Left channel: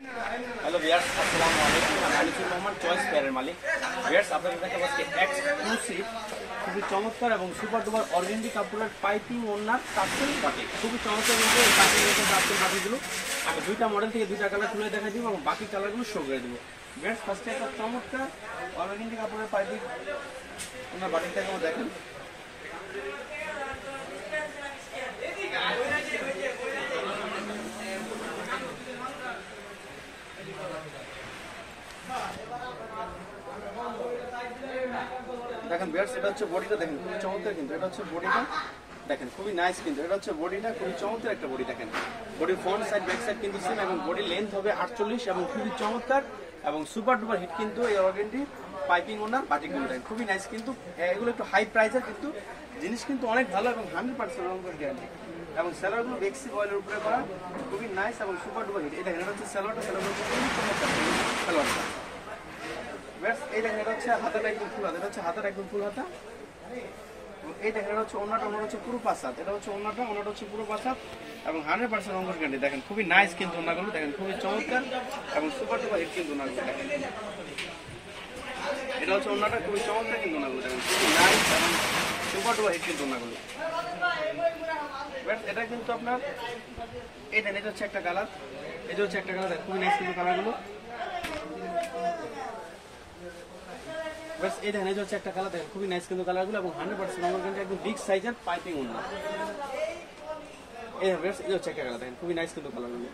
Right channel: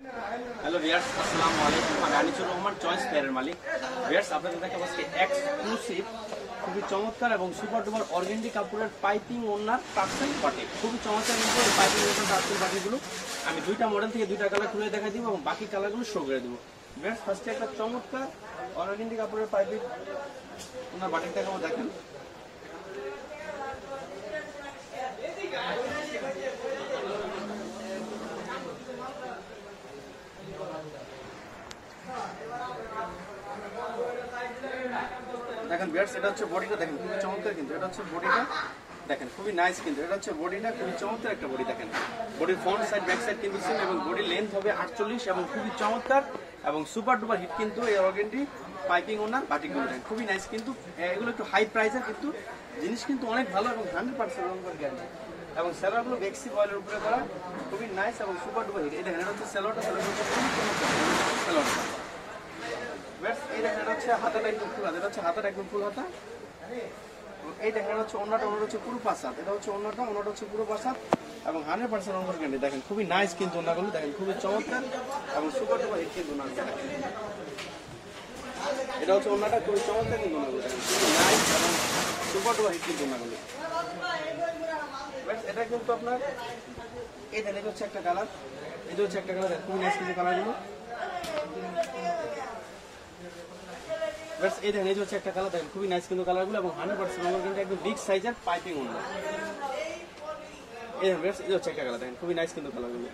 Hello viewers, আসসালামু আলাইকুম। আমি আনিসুর রহমান, চয়েস পেয়ারের মালিক। ভিউয়ার্স, আপনাদের কাছে আজকে এক্সক্লুসিভ খুবই চমৎকার এবং সুপার ডুপার অর্গেন্ডি কাপড়ের পাইপিং ওনার টার্সেল বাটি, খুবই চমৎকার। কিন্তু এই পাইপিং ওনার টার্সেল বাটিগুলো আমি দুইটা মডেল থেকে দুইটা কালার খুলে দেখা দিব এবং বাকি কালারগুলো শো করে দিব। ভিউয়ার্স, ফার্স্টে একটা চমৎকার অর্গেন্ডি কাপড়ের পাইপিং ওনার বাটি দেখাবো। দেখেন, দেখেন ভিউয়ার্স, এটা হচ্ছে বডিটা। দেখেন খুবই চমৎকার, কিন্তু এটা হচ্ছে বডিটা। দেখেন খুবই নাইস, কিন্তু এটা হচ্ছে বডিটা, খুবই চমৎকার একটা বডি। দেখেন বডির ফ্রন্ট সাইড ব্যাক সাইড কিন্তু সেম এবং বডির লেন্থ হবে 48 এবং খুবই চমৎকার এবং সুপার ডুপার হিট কিন্তু এই অর্গেন্ডি পাইপিং ওনার বাটিগুলো। দেখেন খুবই নাইস, কিন্তু এগুলো একটু হাই প্রাইসের, কিন্তু জিনিস কিন্তু অনেক ভালো এবং 100% গ্যারান্টি এবং সেলারগুলো বেক্সি বয়েলের উপরে করা, খুবই নাইস এবং সুপার ডুপার হিট। এই দেখেন এটা হচ্ছে সেলোয়ারটা, সেলোয়ারটা খুবই চমৎকার সেলোয়ারটা। এই দেখেন এটা হচ্ছে হাতাটা একদম ফুল হাতা, এটা হচ্ছে হাতাটা একদম ফুল হাতা। এই দেখেন এটা হচ্ছে ওন্নাটা, ওন্নাটা হচ্ছে পুরো পাঁচ হাত, এটা হচ্ছে ওন্নাটা, ওন্নাটা হচ্ছে পুরো পাঁচ হাত এবং 100% রঙের গ্যারান্টি। দেখেন খুবই নাইস, কিন্তু ওন্নাগুলো দেখেন খুবই চমৎকার এবং সুপার ডুপার হিট কিন্তু ওন্নাগুলো। দেখেন এটা হচ্ছে ওন্নাটা, খুবই চমৎকার কিন্তু ওন্নাগুলো। দেখেন খুবই নাইস এবং সুপার ডুপার হিট কিন্তু ওন্নাগুলো। এটা কিন্তু আপনার এই দেখেন, এটা হচ্ছে একটা কালার, এটা হচ্ছে একটা কালার, খুবই নাইস কিন্তু কালারগুলো। এই দেখেন, এই হচ্ছে একটা কালার, দেখেন খুবই নাইস কিন্তু কালারগুলো এবং 100% রঙের গ্যারান্টি, একদম বিগ সাইজের পাইপিং ওন্না। এই দেখেন, এই হচ্ছে একটা কালার, দেখেন খুবই নাইস কিন্তু কালারগুলো।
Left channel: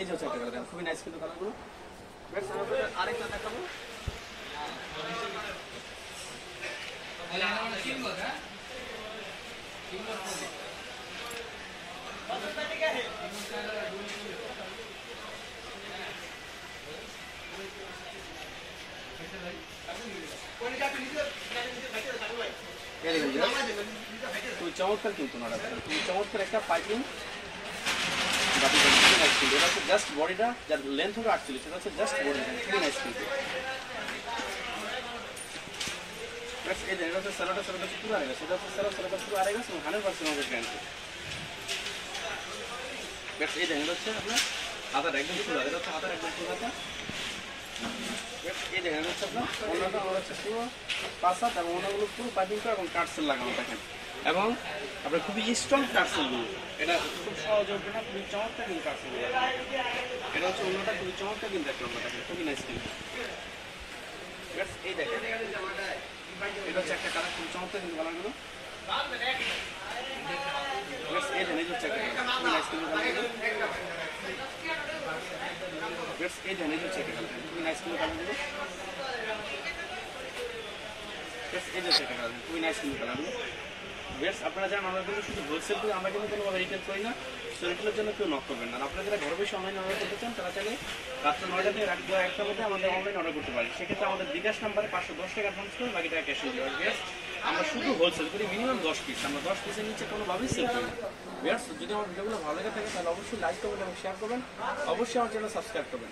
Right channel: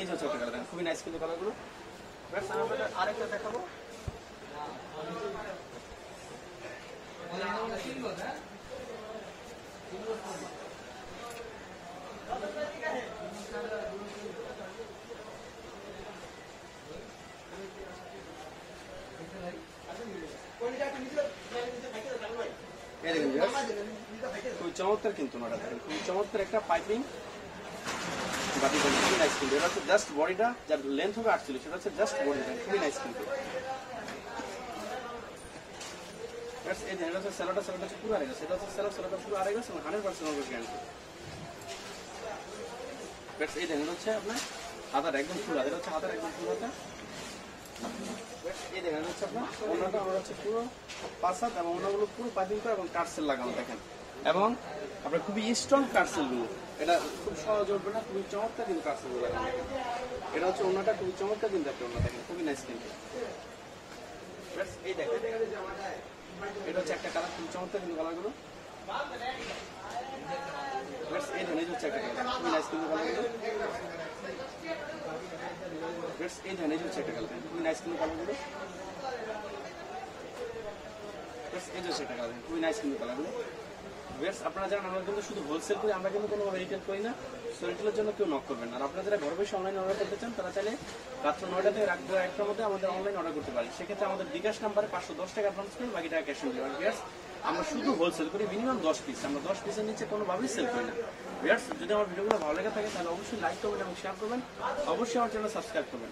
এই হচ্ছে একটা কালার, দেখেন খুবই নাইস কিন্তু কালারগুলো। আরেকটা দেখাবো, খুবই চমৎকার কিন্তু খুবই চমৎকার একটা পাইপিং বাটি। খুবই নাইস কিন্তু এটা হচ্ছে জাস্ট বডিটা, যার লেন্থ হবে 48, সেটা হচ্ছে জাস্ট বডিটা, খুবই নাইস কিন্তু। এই দেখেন এটা হচ্ছে সেলোটা, সেলোটা হচ্ছে পুরো আড়াই, সেটা হচ্ছে সেলোটা পুরো আড়াই এবং 100% রঙের গ্যারান্টি। এই দেখেন এটা হচ্ছে আপনার হাতাটা একদম ফুল হাতা, এটা হচ্ছে হাতার একদম ফুল হাতা। এই দেখেন হচ্ছে আপনার ওন্নাটা, আমার হচ্ছে পুরো পাঁচ হাত এবং ওনাগুলো পুরো পাইপিং করা এবং টার্সেল লাগানো। দেখেন এবং আপনার খুবই স্ট্রং টার্সেলগুলো, এটা খুব সহজে উঠবে না, খুবই চমৎকার কিন্তু টার্সেলগুলো। এটা হচ্ছে ওন্নাটা, খুবই চমৎকার কিন্তু একটা ওন্না। দেখেন খুবই নাইস কিন্তু। এই দেখেন এটা হচ্ছে একটা কালার, খুবই চমৎকার কিন্তু কালারগুলো। এই দেখেন এই হচ্ছে একটা কালার, খুবই নাইস কিন্তু কালারগুলো। এই দেখেন এই হচ্ছে একটা কালার, খুবই নাইস কিন্তু কালারগুলো। এই হচ্ছে একটা কালার, খুবই নাইস কিন্তু কালারগুলো। আপনারা জানেন আমরা কিন্তু শুধু হোলসেল করি, আমরা কিন্তু কোনোভাবে রিটেল করি না। সো রিটেলের জন্য কেউ নক করবেন না। আপনারা যারা ঘরে বসে অনলাইন অর্ডার করতে চান, তারা চাইলে রাত্র 9টা থেকে রাত 1টার মধ্যে আমাদের অনলাইন অর্ডার করতে পারেন। সেক্ষেত্রে আমাদের বিকাশ নাম্বারে 510 টাকা অ্যাডভান্স করে বাকি টাকা ক্যাশ অন ডেলিভারি। আমরা শুধু হোলসেল করি, মিনিমাম 10 পিস, আমরা 10 পিসের নিচে কোনোভাবেই সেল করি না। যদি আমার ভিডিওগুলো ভালো লেগে থাকে তাহলে অবশ্যই লাইক করবেন এবং শেয়ার করবেন, অবশ্যই আমার চ্যানেল সাবস্ক্রাইব করবেন।